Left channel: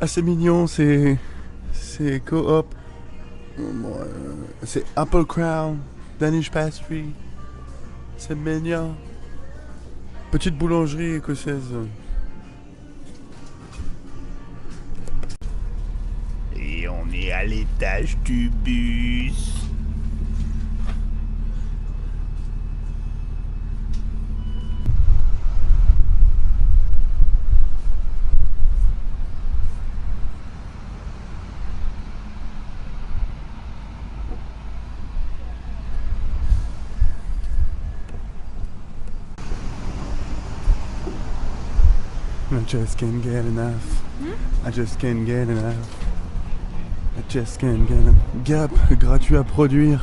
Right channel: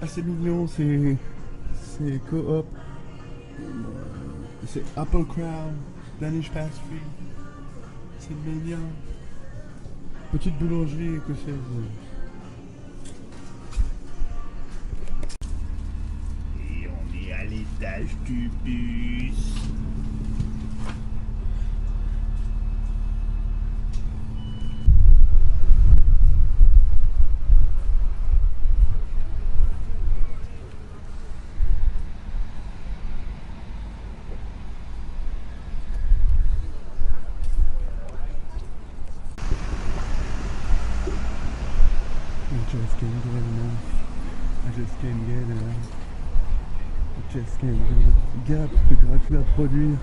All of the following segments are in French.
Ah, c'est mignon, c'est coop. C'est Apple Crown, Danish Pastry. C'est mignon. Petite boulangerie écossaise. Et on est à l'étage du bus. I just can't get enough. I just can't get enough. I just can't get enough. Gap, gratuit à produire.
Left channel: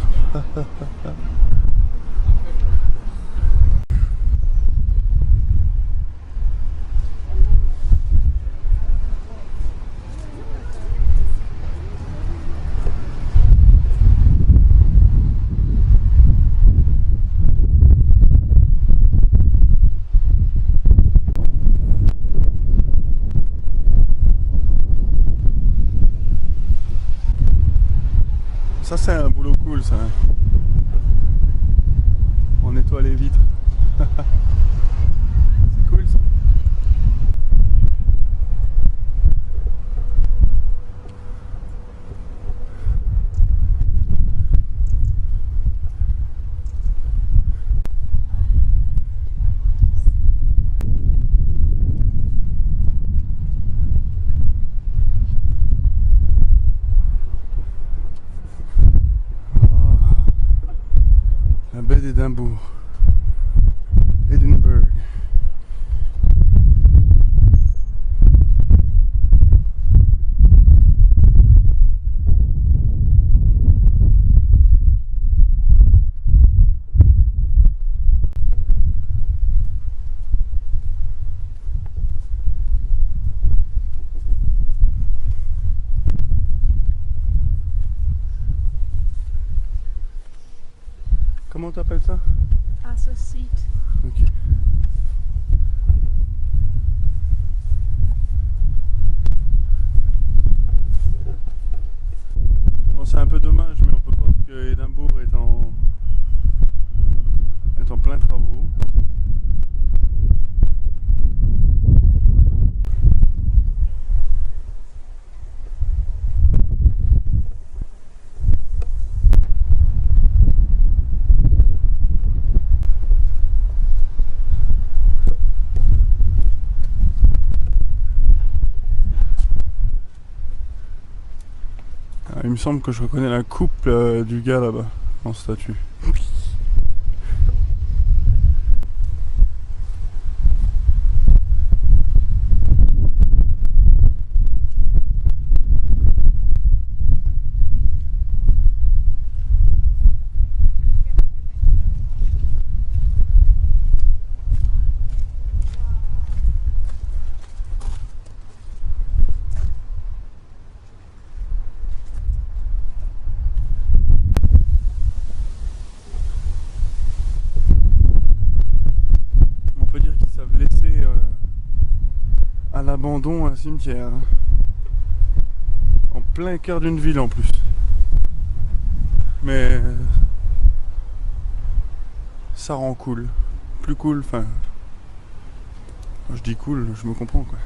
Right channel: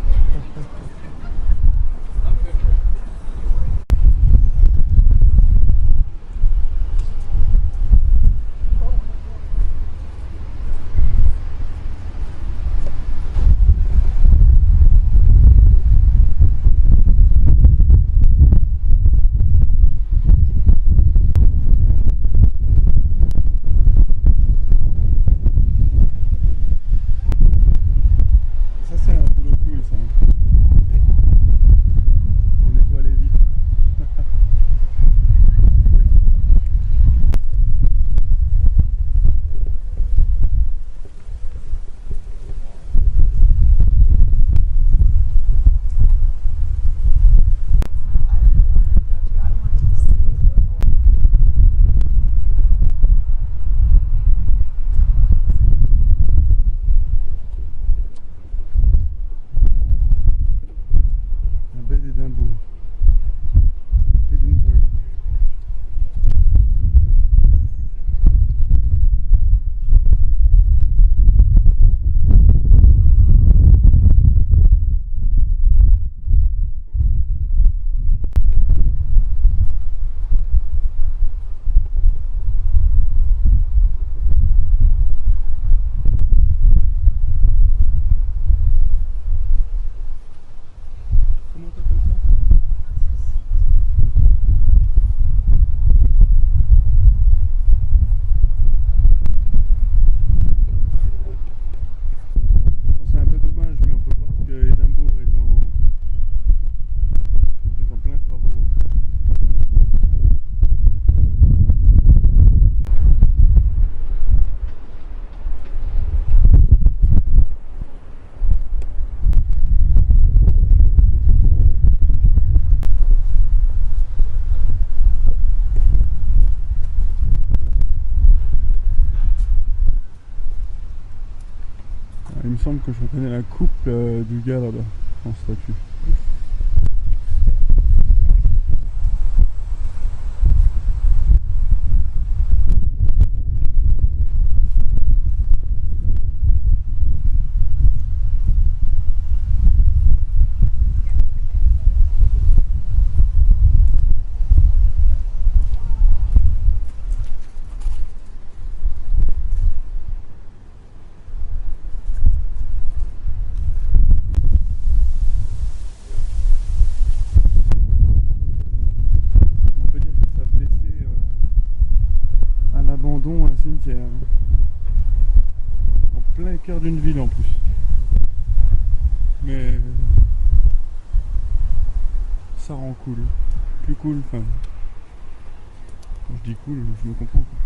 Ça c'est un boulot cool ça. On nettoie les vitres. C'est cool ça. La baie d'Édimbourg. Edinburgh. Comment t'appelles ça? Ah, ce site. Ok. Bon, c'est un peu dommage, mais on peut voir que Édimbourg est en plein travaux. Il me semble que je reconnais la coupe du gars là-bas, en statue. On peut dire qu'ils savent laisser à l'abandon un cimetière. En plein cœur d'une ville en plus. Mais ça rend cool. Plus cool, enfin. Quand je dis cool, je me comprends quoi.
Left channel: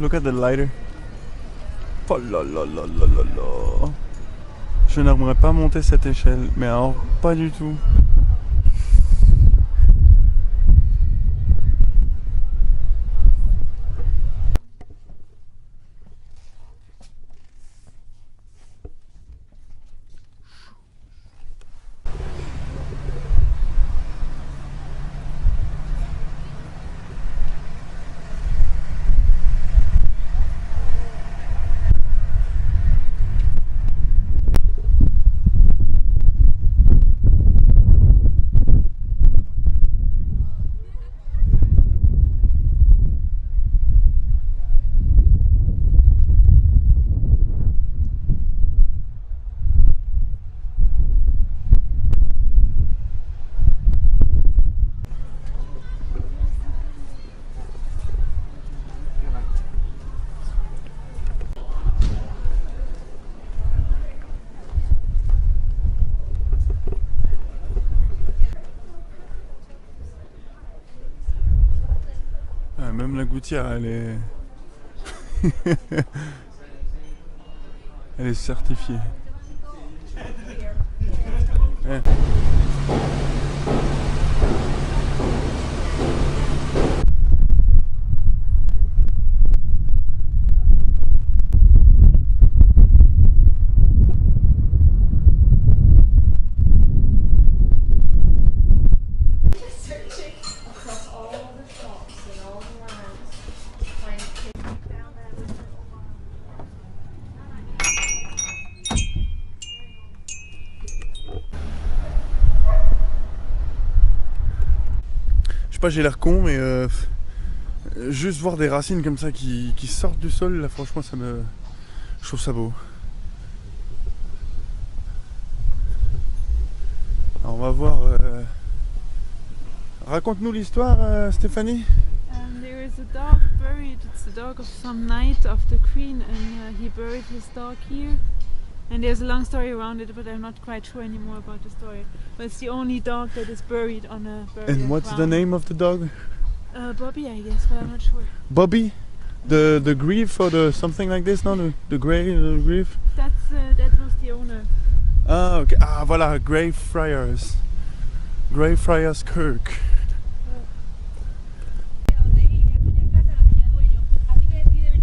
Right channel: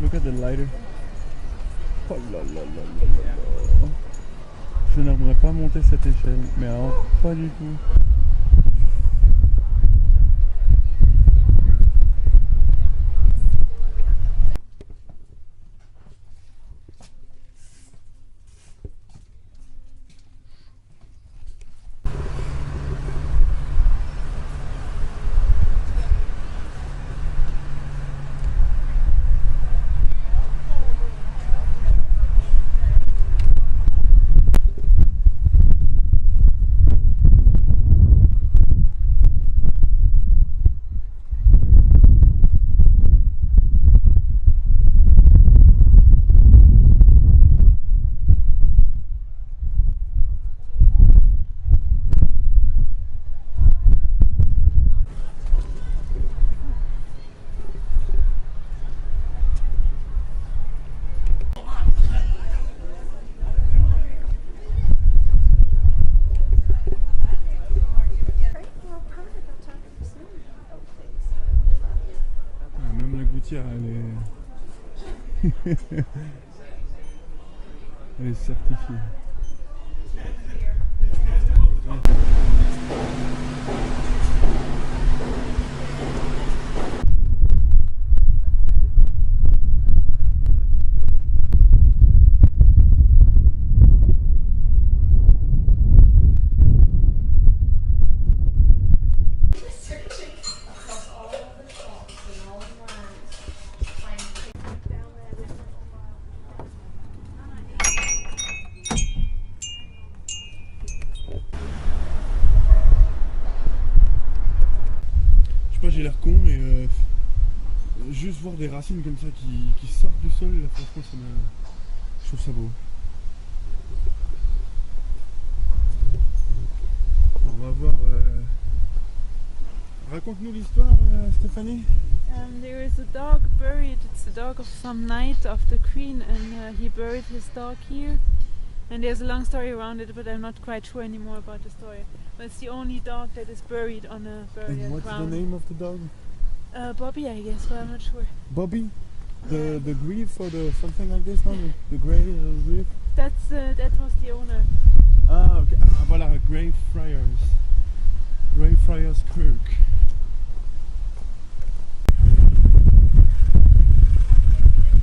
Look at the lighter. Oh là là là là là là. Je n'aimerais pas monter cette échelle, mais alors pas du tout. Même la gouttière, elle est... elle est certifiée. Ouais. Je sais pas, j'ai l'air con, mais juste voir des racines comme ça qui sortent du sol, là franchement je trouve ça beau. Alors on va voir. Raconte-nous l'histoire, Stéphanie. There is a dog buried. It's the dog of some knight of the queen, and he buried his dog here. And there's a long story around it, but I'm not quite sure anymore about the story. But it's the only dog that is buried on a burial And what's ground. the name of the dog? Bobby, I guess, but I'm not sure. Bobby? The grief or the something like this, no? The grief? That was the owner. Ah, ok. Ah, voilà, Greyfriars. Greyfriars Kirk.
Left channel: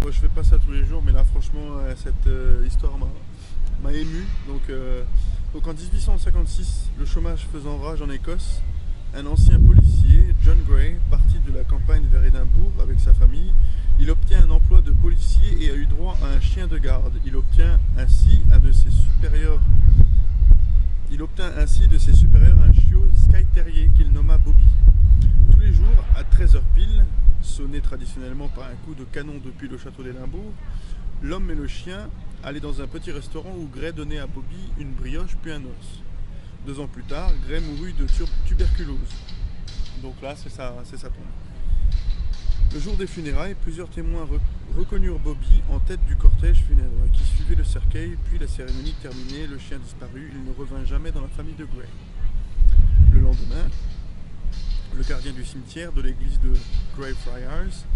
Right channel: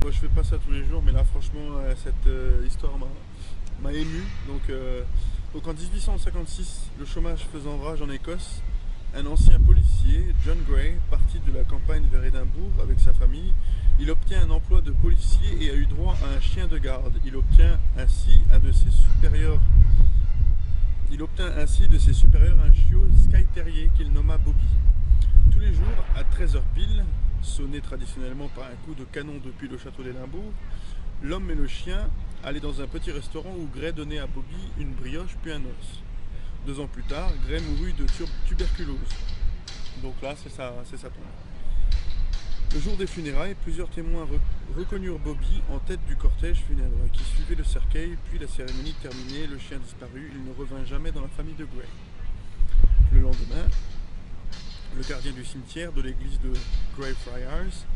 Moi, je fais pas ça tous les jours, mais là, franchement, cette histoire m'a ému. Donc en 1856, le chômage faisant rage en Écosse, un ancien policier, John Gray, parti de la campagne vers Édimbourg avec sa famille, il obtient un emploi de policier et a eu droit à un chien de garde. Il obtient ainsi de ses supérieurs un chiot Skye Terrier qu'il nomma Bobby. Tous les jours, à 13h pile, sonné traditionnellement par un coup de canon depuis le château d'Édimbourg, l'homme et le chien allaient dans un petit restaurant où Gray donnait à Bobby une brioche puis un os. 2 ans plus tard, Gray mourut de tuberculose. Donc là, c'est sa tombe. Le jour des funérailles, plusieurs témoins reconnurent Bobby en tête du cortège funèbre qui suivait le cercueil, puis la cérémonie terminée, le chien disparut, il ne revint jamais dans la famille de Gray. Le lendemain, le gardien du cimetière de l'église de Greyfriars,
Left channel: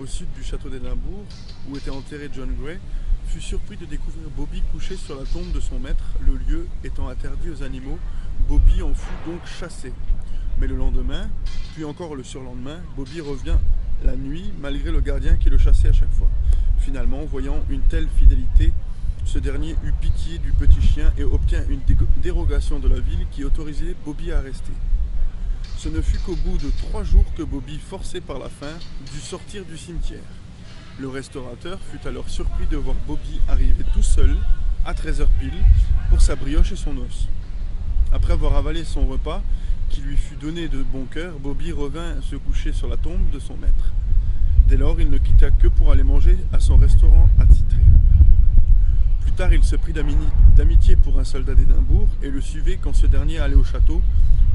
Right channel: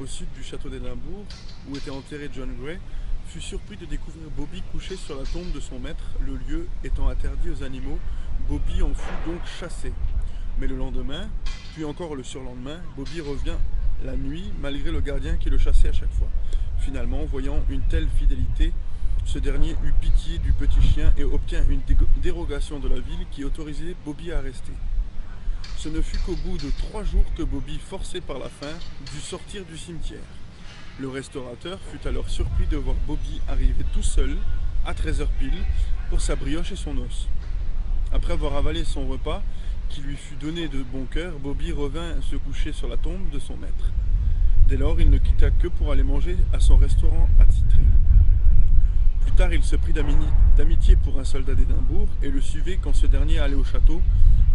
au sud du château d'Édimbourg, où était enterré John Gray, fut surpris de découvrir Bobby couché sur la tombe de son maître. Le lieu étant interdit aux animaux, Bobby en fut donc chassé. Mais le lendemain, puis encore le surlendemain, Bobby revient la nuit malgré le gardien qui le chassait à chaque fois. Finalement, voyant une telle fidélité, ce dernier eut pitié du petit chien et obtint une dérogation de la ville qui autorisait Bobby à rester. Ce ne fut qu'au bout de 3 jours que Bobby, forcé par la faim, dut sortir du cimetière. Le restaurateur fut alors surpris de voir Bobby arriver tout seul, à 13h pile, pour sa brioche et son os. Après avoir avalé son repas, qui lui fut donné de bon cœur, Bobby revint se coucher sur la tombe de son maître. Dès lors, il ne quitta que pour aller manger à son restaurant attitré. Plus tard, il se prit d'amitié pour un soldat d'Édimbourg et le suivait quand ce dernier allait au château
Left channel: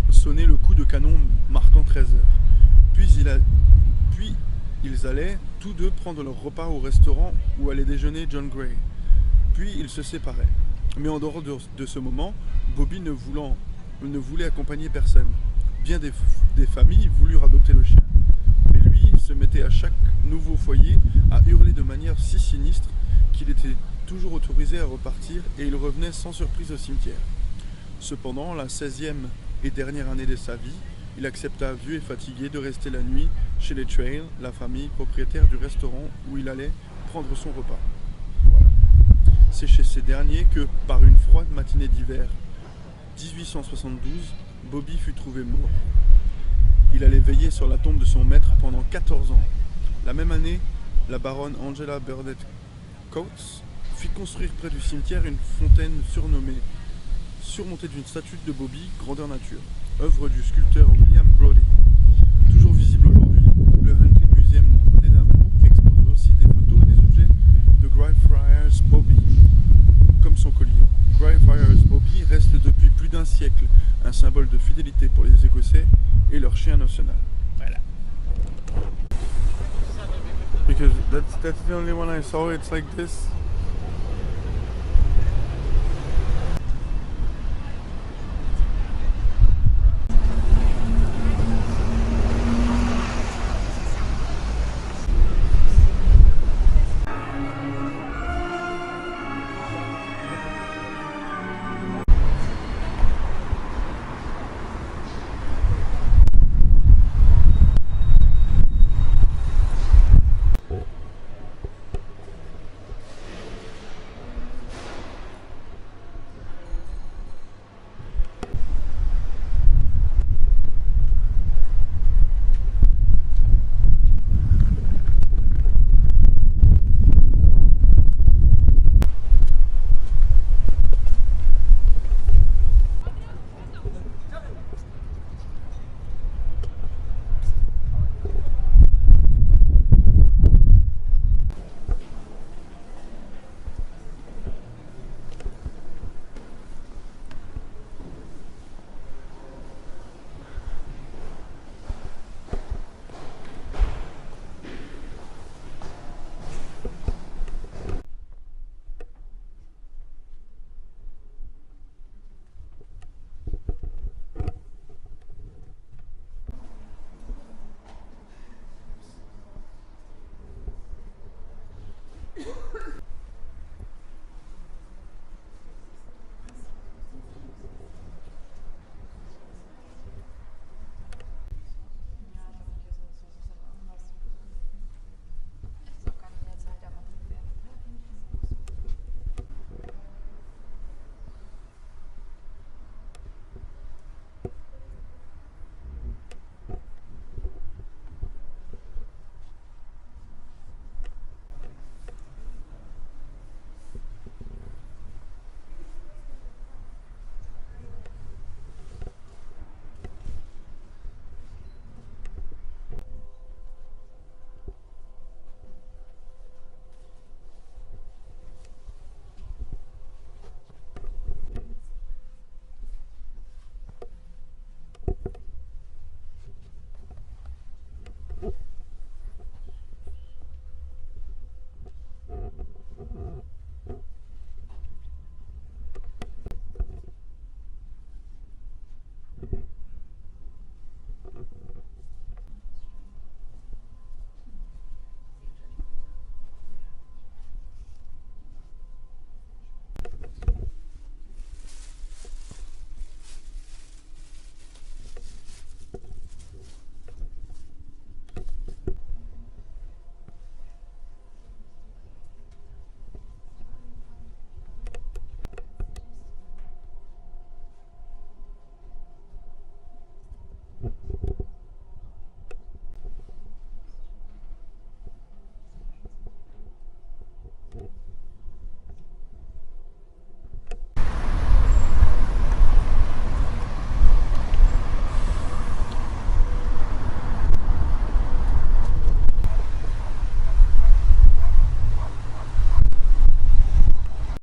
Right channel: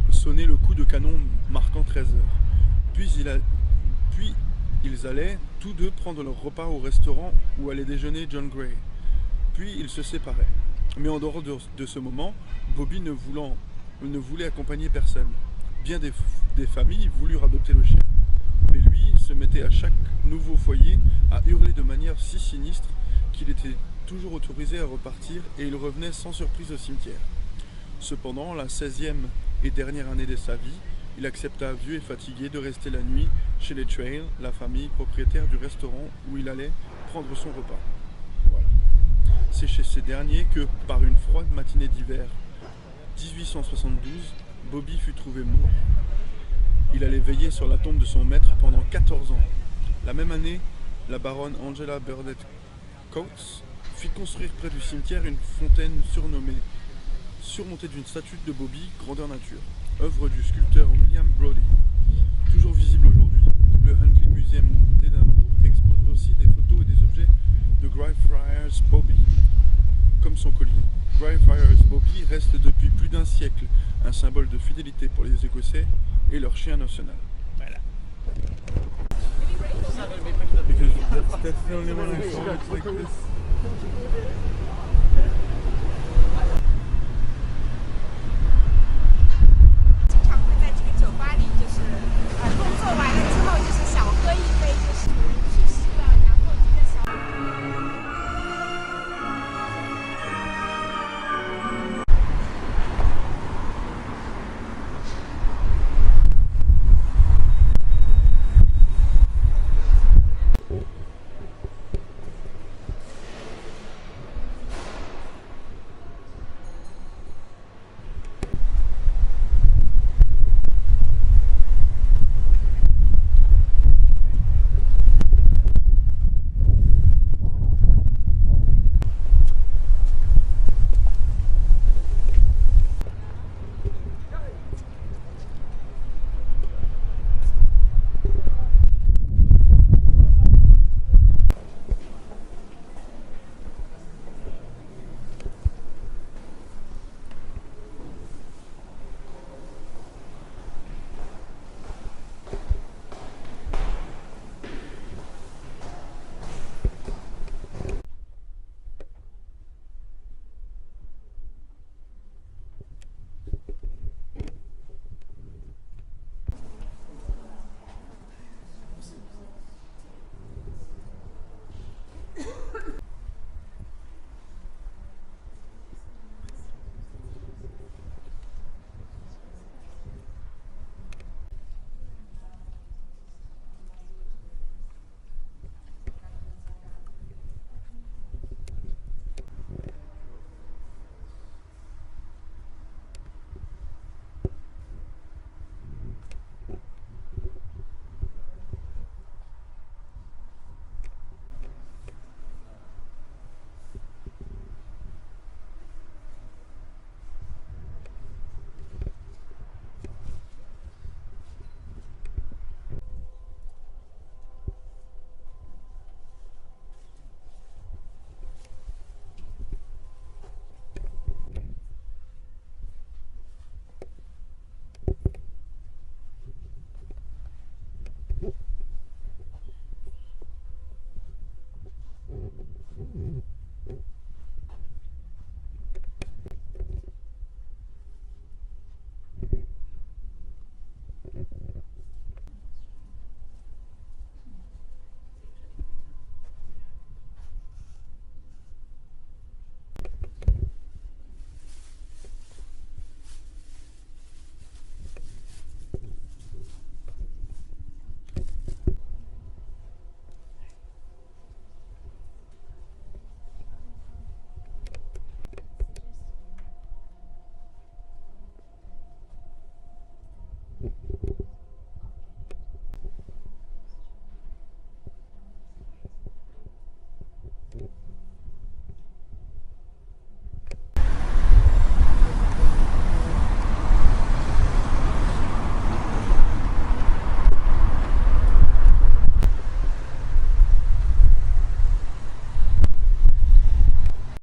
sonner le coup de canon marquant 13h. Puis ils allaient tous deux prendre leur repas au restaurant où allait déjeuner John Gray. Puis ils se séparaient. Mais en dehors de ce moment, Bobby ne voulait accompagner personne. Bien des familles voulurent adopter le chien. Mais lui se mettait à chaque nouveau foyer, a hurlé de manière si sinistre qu'il était toujours autorisé à repartir et il revenait sans surprise au cimetière. Cependant, la 16e et dernière année de sa vie, il accepta, vieux et fatigué, de rester la nuit chez les Trail, la famille propriétaire du restaurant où il allait prendre son repas. Voilà. C'est chez ces derniers que, par une froide matinée d'hiver 1872, Bobby fut trouvé mort. Il allait veiller sur la tombe de son maître pendant 14 ans. La même année, la baronne Angela Burdett Coates fit construire près du cimetière une fontaine surmontée d'une statue de Bobby, grandeur nature, œuvre du sculpteur William Brodie. Toujours visible aujourd'hui, le Huntley Museum d'Édimbourg expose aussi des photos et des objets de Greyfriars Bobby, comme son collier. Greyfriars Bobby reste depuis plus d'un siècle un symbole de fidélité pour les Écossais et leur chien national. Voilà. Because that's the only one I saw. It's like this.